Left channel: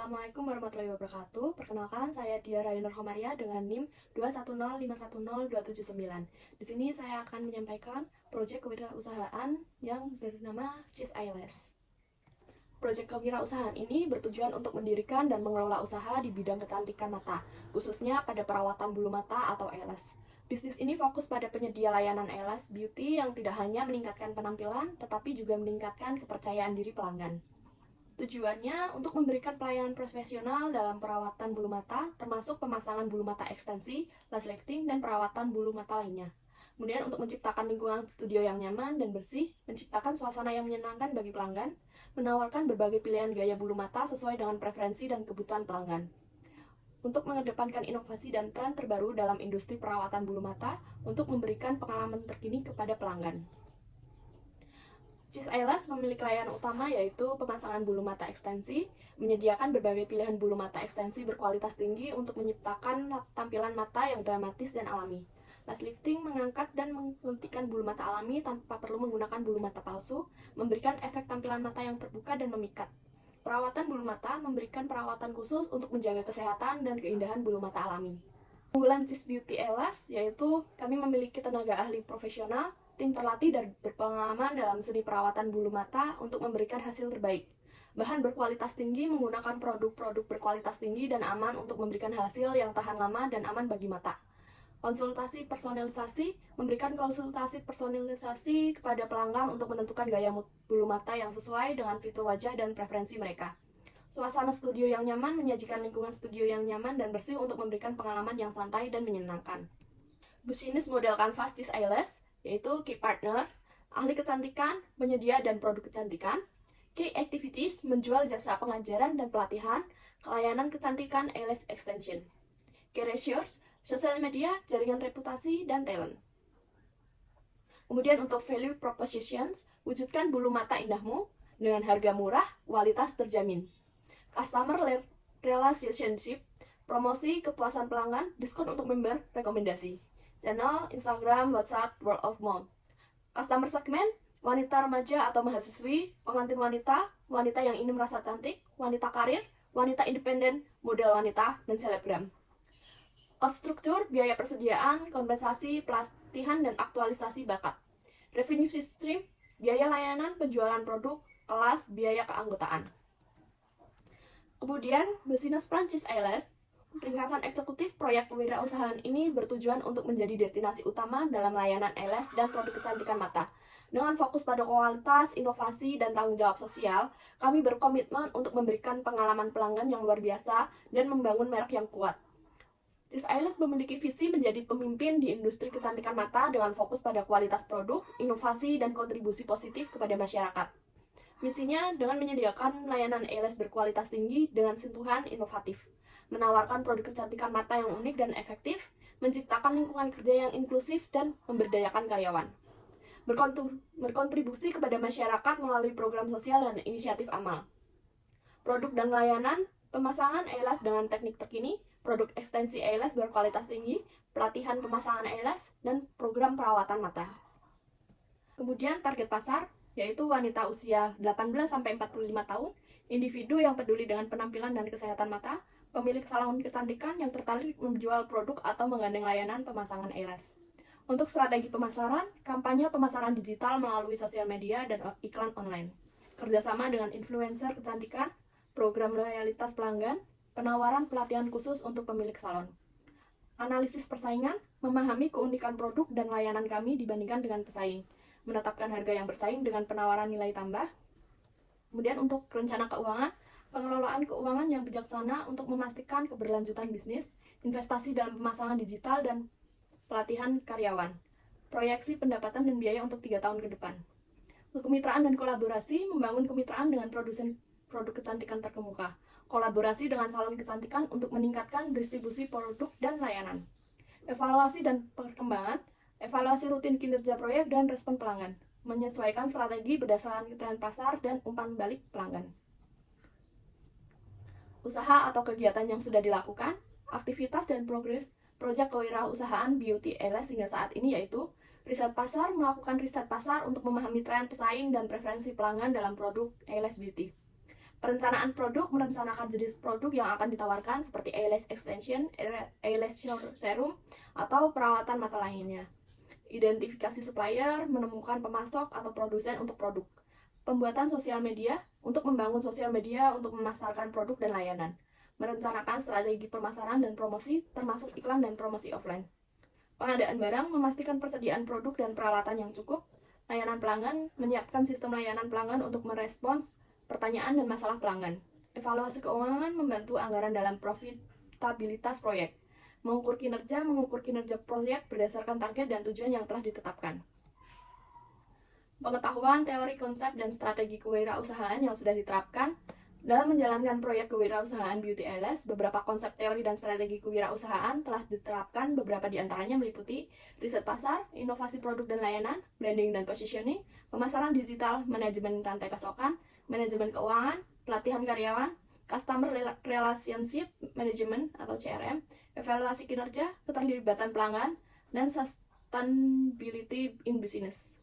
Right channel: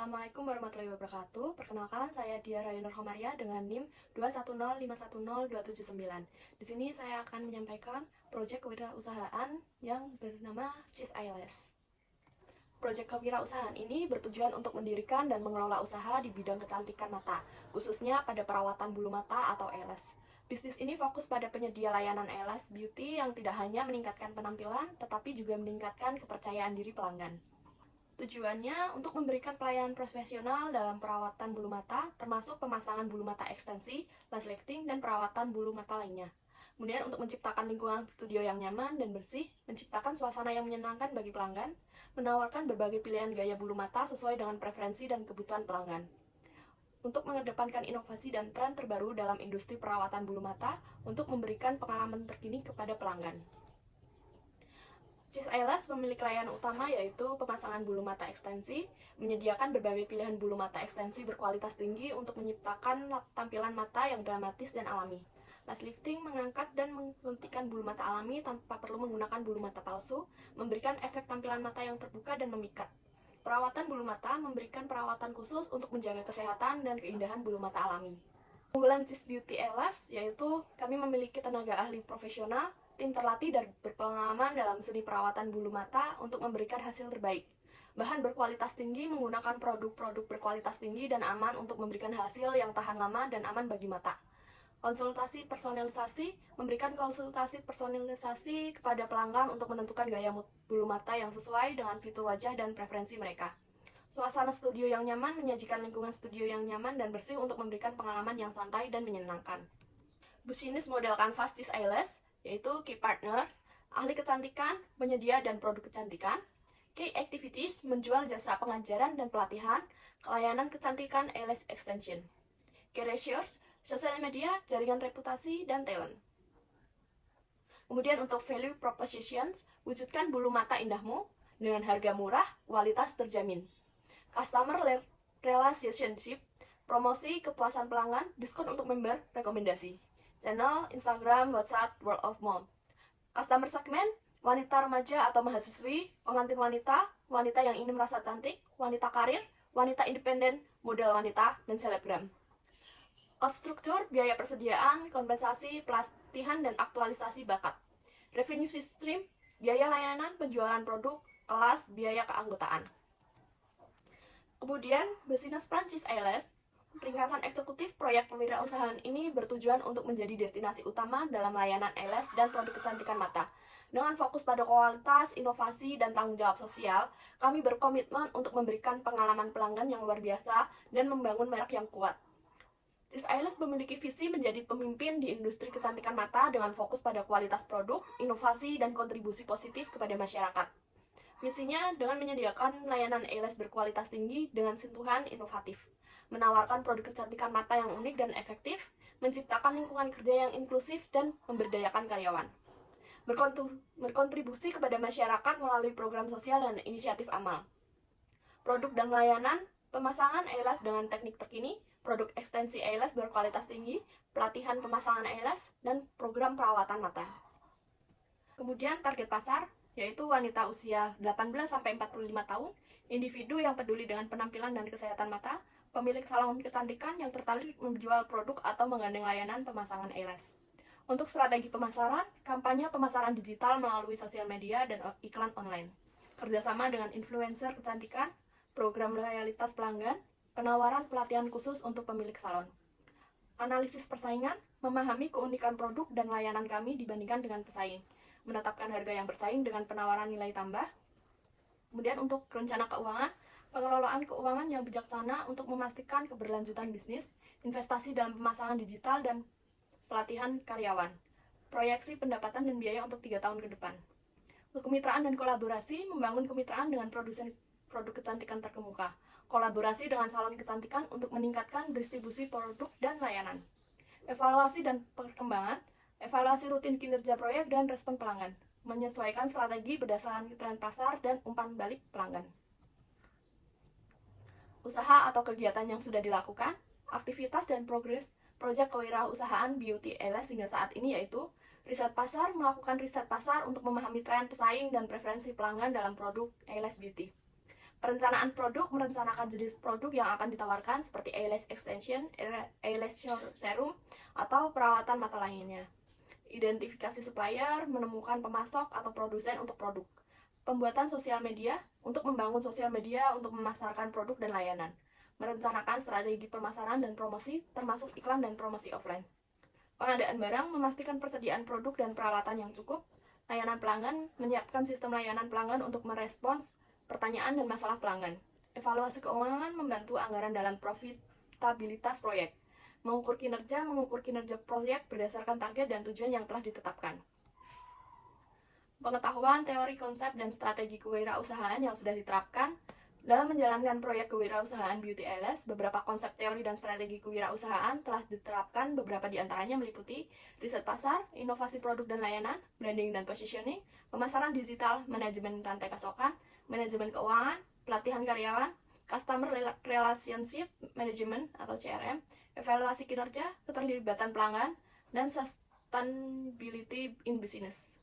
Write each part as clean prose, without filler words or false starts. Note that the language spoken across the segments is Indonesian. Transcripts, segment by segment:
Assalamualaikum warahmatullahi wabarakatuh. Perkenalkan, saya Dia Rayunur Homaria dengan NIM 210510279. Di sini saya akan menyampaikan proyek kewirausahaan yang bernama Cheese Eyelash. Proyek kewirausahaan ini bertujuan untuk mendirikan dan mengelola usaha di bidang kecantikan mata, khususnya pada perawatan bulu mata atau eyelash. Bisnis ini fokus pada penyedia layanan eyelash beauty yang tidak hanya meningkatkan penampilan, tetapi juga meningkatkan kepercayaan diri pelanggan. Tujuannya untuk memberikan pelayanan profesional dalam perawatan bulu mata, termasuk pemasangan bulu mata ekstensi, lash lifting, dan perawatan bulu mata lainnya. Kemudian untuk menciptakan lingkungan studio yang nyaman dan bersih, menciptakan suasana yang menyenangkan bagi pelanggan, menawarkan berbagai pilihan gaya bulu mata sesuai dengan preferensi dan kebutuhan pelanggan. Untuk mengedepankan inovasi dan tren terbaru dalam industri perawatan bulu mata, untuk memberikan pengalaman terkini kepada pelanggan. Cheese Eyelash memiliki layanan utama yaitu pemasangan bulu mata ekstensi, menyediakan berbagai pilihan bulu mata ekstensi berkualitas tinggi untuk menciptakan tampilan mata yang dramatis dan alami. Lash lifting mengangkat dan melentikan bulu mata alami tanpa perlu menggunakan bulu mata palsu, memberikan efek tampilan mata yang terbuka dan memikat. Perawatan bulu mata memberikan perawatan khusus untuk menjaga kesehatan dan keindahan bulu mata alami. Keunggulan Cheese Beauty Eyelash yaitu kami memiliki tenaga ahli profesional, tim terlatih dan berpengalaman dalam seni perawatan bulu mata untuk memberikan hasil terbaik. Bahan berkualitas tinggi menggunakan produk-produk berkualitas tinggi dan aman untuk memberikan hasil yang tahan lama dan aman bagi mata. Konsultasi personalisasi memberikan konsultasi personalisasi kepada pelanggan untuk menentukan gaya bulu mata yang sesuai dengan fitur wajah dan preferensi mereka. Suasana studio yang nyaman menyajikan lingkungan studio yang nyaman dan bersih untuk memberikan pengalaman yang santai dan menyenangkan. Bisnis model kanvas Cheese Eyelash yaitu Key Partners, ahli kecantikan, penyedia dan produk kecantikan. Key Activities menjual jasa pengajaran dan pelatihan, layanan kecantikan eyelash extension. Key Ratios, sosial media, jaringan reputasi, dan talent. Kemudian untuk value propositions, wujudkan bulu mata indahmu dengan harga murah, kualitas terjamin. Customer relationship, promosi kepuasan pelanggan, diskon untuk member, rekomendasi. Channel, Instagram, WhatsApp, word of mouth. Customer segment, wanita remaja atau mahasiswi, pengantin wanita, wanita yang ingin merasa cantik, wanita karir, wanita independen, model wanita, dan selebgram. Cost structure, biaya persediaan, kompensasi, pelatihan, dan aktualisasi bakat. Revenue stream, biaya layanan, penjualan produk, kelas, biaya keanggotaan. Kemudian, Business Plan Cheese Eyelash, ringkasan eksekutif proyek kewirausahaan ini bertujuan untuk menjadi destinasi utama dalam layanan eyelash dan produk kecantikan mata. Dengan fokus pada kualitas, inovasi, dan tanggung jawab sosial, kami berkomitmen untuk memberikan pengalaman pelanggan yang luar biasa dan membangun merek yang kuat. Cheese Eyelash memiliki visi menjadi pemimpin di industri kecantikan mata dengan fokus pada kualitas produk, inovasi, dan kontribusi positif kepada masyarakat. Misinya dengan menyediakan layanan eyelash berkualitas tinggi dengan sentuhan inovatif, menawarkan produk kecantikan mata yang unik dan efektif, menciptakan lingkungan kerja yang inklusif, dan memberdayakan karyawan. Berkontribusi kepada masyarakat melalui program sosial dan inisiatif amal. Produk dan layanan, pemasangan eyelash dengan teknik terkini, produk ekstensi eyelash berkualitas tinggi, pelatihan pemasangan eyelash, dan program perawatan mata. Kemudian target pasar, yaitu wanita usia 18-45 tahun, individu yang peduli dengan penampilan dan kesehatan mata, pemilik salon kecantikan yang tertarik menjual produk atau menggandeng layanan pemasangan eyelash. Untuk strategi pemasaran, kampanye pemasaran digital melalui sosial media dan iklan online, kerjasama dengan influencer kecantikan, program loyalitas pelanggan, penawaran pelatihan khusus untuk pemilik salon. Analisis persaingan, memahami keunikan produk dan layanan kami dibandingkan dengan pesaing, menetapkan harga yang bersaing dengan penawaran nilai tambah. Kemudian untuk rencana keuangan, pengelolaan keuangan yang bijaksana untuk memastikan keberlanjutan bisnis, investasi dalam pemasangan digital, dan pelatihan karyawan. Proyeksi pendapatan dan biaya untuk 3 tahun ke depan. Untuk kemitraan dan kolaborasi, membangun kemitraan dengan produsen produk kecantikan terkemuka. Kolaborasi dengan salon kecantikan untuk meningkatkan distribusi produk dan layanan. Evaluasi dan perkembangan, evaluasi rutin kinerja proyek dan respon pelanggan. Menyesuaikan strategi berdasarkan tren pasar dan umpan balik pelanggan. Usaha atau kegiatan yang sudah dilakukan, aktivitas dan progres proyek kewirausahaan Beauty Eyelash hingga saat ini yaitu riset pasar, melakukan riset pasar untuk memahami tren pesaing dan preferensi pelanggan dalam produk eyelash beauty. Perencanaan produk merencanakan jenis produk yang akan ditawarkan seperti eyelash extension, eyelash serum, atau perawatan mata lainnya. Identifikasi supplier, menemukan pemasok atau produsen untuk produk. Pembuatan sosial media untuk membangun sosial media untuk memasarkan produk dan layanan. Merencanakan strategi pemasaran dan promosi termasuk iklan dan promosi offline. Pengadaan barang memastikan persediaan produk dan peralatan yang cukup. Layanan pelanggan menyiapkan sistem layanan pelanggan untuk merespons pertanyaan dan masalah pelanggan. Evaluasi keuangan membantu anggaran dalam profitabilitas proyek. Mengukur kinerja proyek berdasarkan target dan tujuan yang telah ditetapkan. Pengetahuan, teori, konsep, dan strategi kewirausahaan yang sudah diterapkan. Dalam menjalankan proyek kewirausahaan Beauty Eyelash, beberapa konsep teori dan strategi kewirausahaan telah diterapkan. Beberapa di antaranya meliputi riset pasar, inovasi produk dan layanan, branding dan positioning, pemasaran digital, manajemen rantai pasokan, manajemen keuangan, pelatihan karyawan, customer relationship management atau CRM, evaluasi kinerja, keterlibatan pelanggan, dan sustainability in business.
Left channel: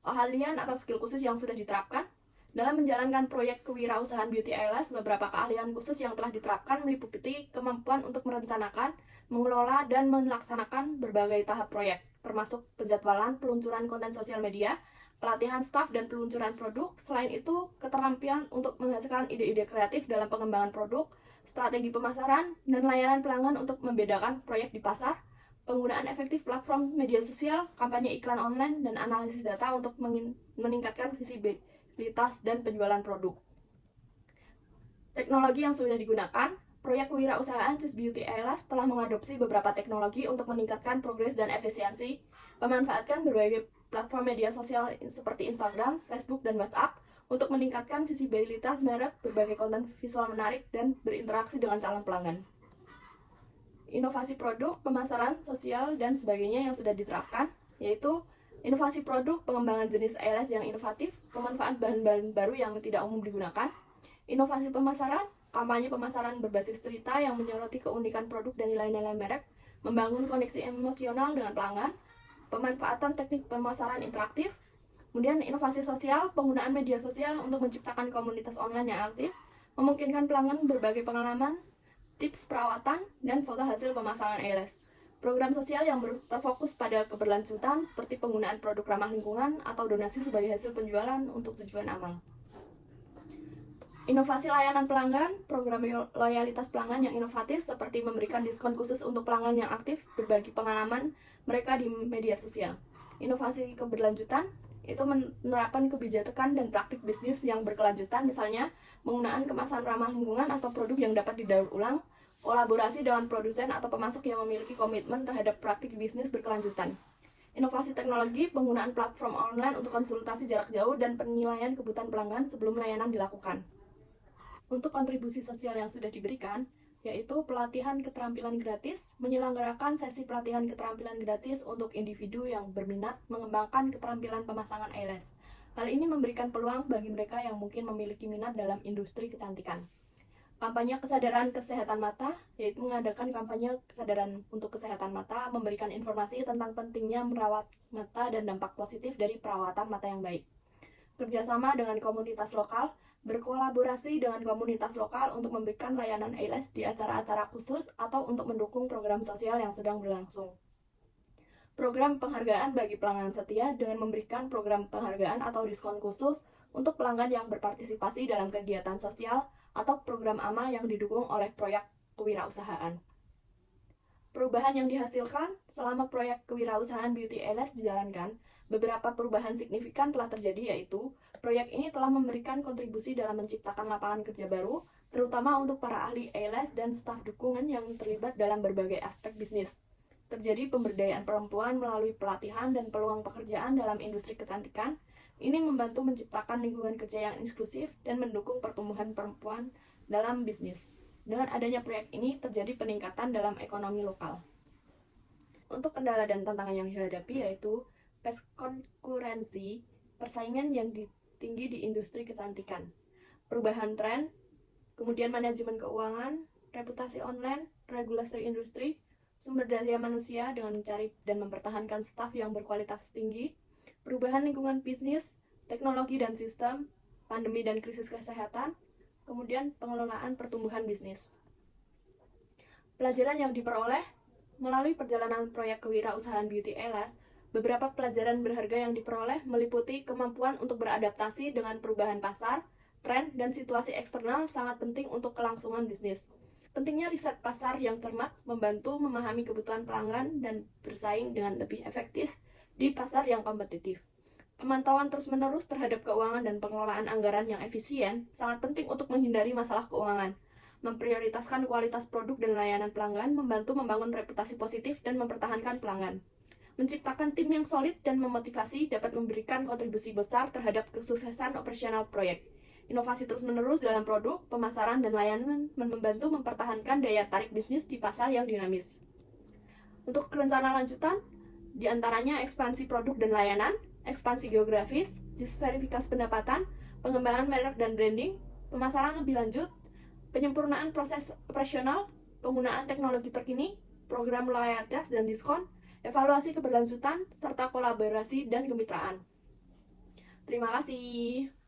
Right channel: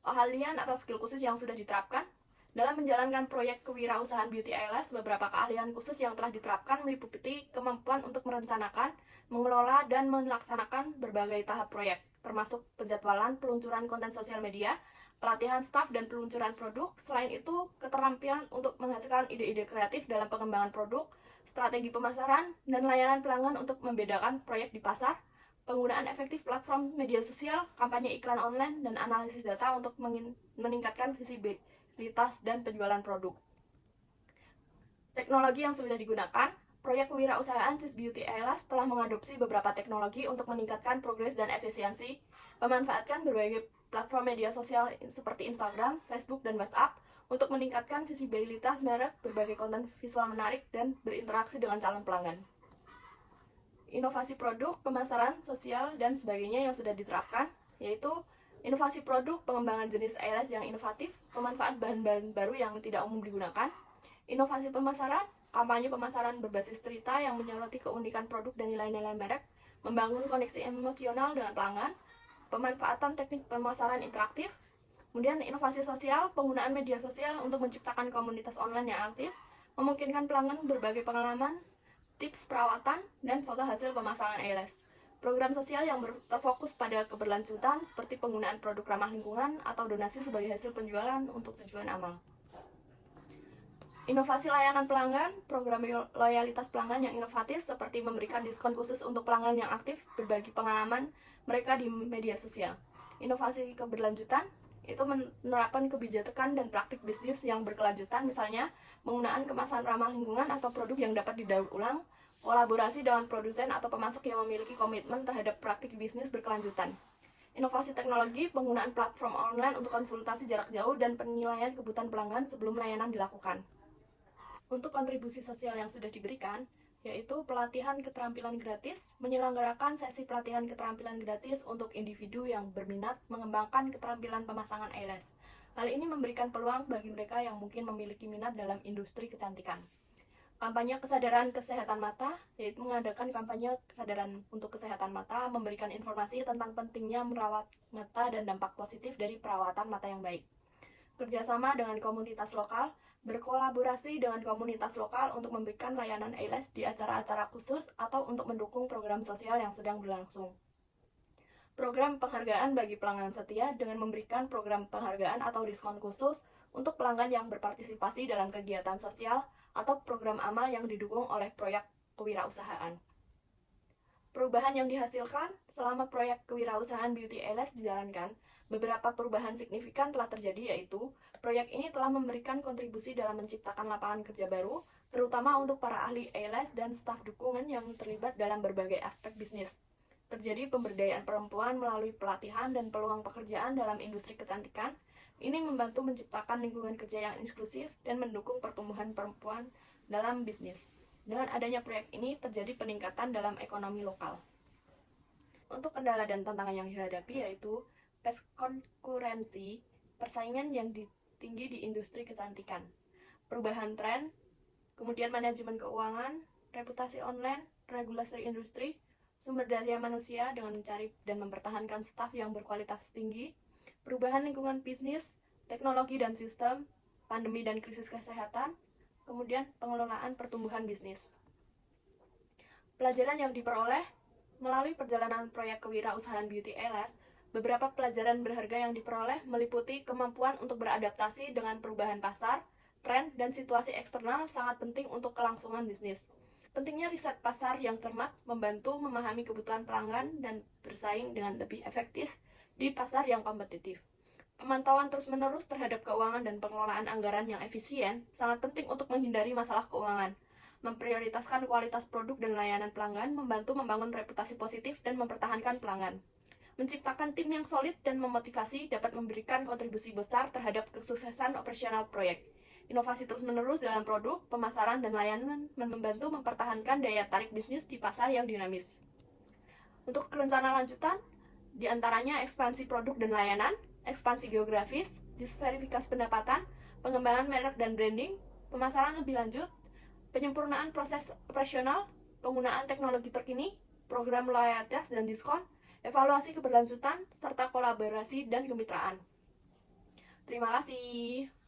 Keahlian atau skill khusus yang sudah diterapkan. Dalam menjalankan proyek kewirausahaan Beauty Eyelash, beberapa keahlian khusus yang telah diterapkan meliputi kemampuan untuk merencanakan, mengelola, dan melaksanakan berbagai tahap proyek, termasuk penjadwalan, peluncuran konten sosial media, pelatihan staf, dan peluncuran produk. Selain itu, keterampilan untuk menghasilkan ide-ide kreatif dalam pengembangan produk, strategi pemasaran, dan layanan pelanggan untuk membedakan proyek di pasar, penggunaan efektif platform media sosial, kampanye iklan online, dan analisis data untuk meningkatkan visibilitas dan penjualan produk. Teknologi yang sudah digunakan. Proyek kewirausahaan Cis Beauty Eyelash telah mengadopsi beberapa teknologi untuk meningkatkan progres dan efisiensi, memanfaatkan berbagai platform media sosial seperti Instagram, Facebook, dan WhatsApp untuk meningkatkan visibilitas merek, berbagai konten visual menarik, dan berinteraksi dengan calon pelanggan. Inovasi produk, pemasaran, sosial, dan sebagainya yang sudah diterapkan, yaitu inovasi produk, pengembangan jenis eyelash yang inovatif, pemanfaat bahan-bahan baru yang tidak umum digunakan. Inovasi pemasaran, kampanye pemasaran berbasis cerita yang menyoroti keunikan produk dan nilai-nilai merek, membangun koneksi emosional dengan pelanggan, pemanfaatan teknik pemasaran interaktif. Kemudian inovasi sosial, penggunaan media sosial untuk menciptakan komunitas online yang aktif, memungkinkan pelanggan berbagai pengalaman, tips perawatan, dan foto hasil pemasangan eyelash. Program sosial yang terfokus pada keberlanjutan seperti penggunaan produk ramah lingkungan atau donasi sebagai hasil penjualan untuk tujuan amal. Inovasi layanan pelanggan, program loyalitas pelanggan yang inovatif seperti memberikan diskon khusus untuk pelanggan yang aktif, berbagi pengalaman mereka di media sosial. Inovasi keberlanjutan itu menerapkan kebijakan dan praktik bisnis yang berkelanjutan, misalnya penggunaan kemasan ramah lingkungan atau produk yang dapat didaur ulang, kolaborasi dengan produsen atau pemasok yang memiliki komitmen terhadap praktik bisnis berkelanjutan. Inovasi teknologi, penggunaan platform online untuk konsultasi jarak jauh dan penilaian kebutuhan pelanggan sebelum layanan dilakukan. Untuk kontribusi sosial yang sudah diberikan, yaitu pelatihan keterampilan gratis, menyelenggarakan sesi pelatihan keterampilan gratis untuk individu yang berminat mengembangkan keterampilan pemasangan eyelash. Hal ini memberikan peluang bagi mereka yang mungkin memiliki minat dalam industri kecantikan. Kampanye kesadaran kesehatan mata, yaitu mengadakan kampanye kesadaran untuk kesehatan mata, memberikan informasi tentang pentingnya merawat mata dan dampak positif dari perawatan mata yang baik. Kerjasama dengan komunitas lokal, berkolaborasi dengan komunitas lokal untuk memberikan layanan eyelash di acara-acara khusus atau untuk mendukung program sosial yang sedang berlangsung. Program penghargaan bagi pelanggan setia dengan memberikan program penghargaan atau diskon khusus untuk pelanggan yang berpartisipasi dalam kegiatan sosial atau program amal yang didukung oleh proyek kewirausahaan. Perubahan yang dihasilkan selama proyek kewirausahaan Beauty Eyelash dijalankan, beberapa perubahan signifikan telah terjadi, yaitu proyek ini telah memberikan kontribusi dalam menciptakan lapangan kerja baru, terutama untuk para ahli eyelash dan staf dukungan yang terlibat dalam berbagai aspek bisnis. Terjadi pemberdayaan perempuan melalui pelatihan dan peluang pekerjaan dalam industri kecantikan. Ini membantu menciptakan lingkungan kerja yang inklusif dan mendukung pertumbuhan perempuan dalam bisnis. Dengan adanya proyek ini, terjadi peningkatan dalam ekonomi lokal. Untuk kendala dan tantangan yang dihadapi yaitu konkurensi, persaingan yang tinggi di industri kecantikan, perubahan tren, kemudian manajemen keuangan, reputasi online, regulasi industri, sumber daya manusia dengan mencari dan mempertahankan staf yang berkualitas tinggi, perubahan lingkungan bisnis, teknologi dan sistem, pandemi dan krisis kesehatan, kemudian pengelolaan pertumbuhan bisnis. Pelajaran yang diperoleh melalui perjalanan proyek kewirausahaan Beauty Alice, beberapa pelajaran berharga yang diperoleh meliputi kemampuan untuk beradaptasi dengan perubahan pasar, tren, dan situasi eksternal sangat penting untuk kelangsungan bisnis. Pentingnya riset pasar yang cermat membantu memahami kebutuhan pelanggan dan bersaing dengan lebih efektif di pasar yang kompetitif. Pemantauan terus-menerus terhadap keuangan dan pengelolaan anggaran yang efisien sangat penting untuk menghindari masalah keuangan. Memprioritaskan kualitas produk dan layanan pelanggan membantu membangun reputasi positif dan mempertahankan pelanggan. Menciptakan tim yang solid dan memotivasi dapat memberikan kontribusi besar terhadap kesuksesan operasional proyek. Inovasi terus-menerus dalam produk, pemasaran, dan layanan membantu mempertahankan daya tarik bisnis di pasar yang dinamis. Untuk rencana lanjutan, diantaranya ekspansi produk dan layanan, ekspansi geografis, diversifikasi pendapatan, pengembangan merek dan branding, pemasaran lebih lanjut, penyempurnaan proses operasional, penggunaan teknologi terkini, program loyalitas dan diskon, evaluasi keberlanjutan, serta kolaborasi dan kemitraan. Terima kasih.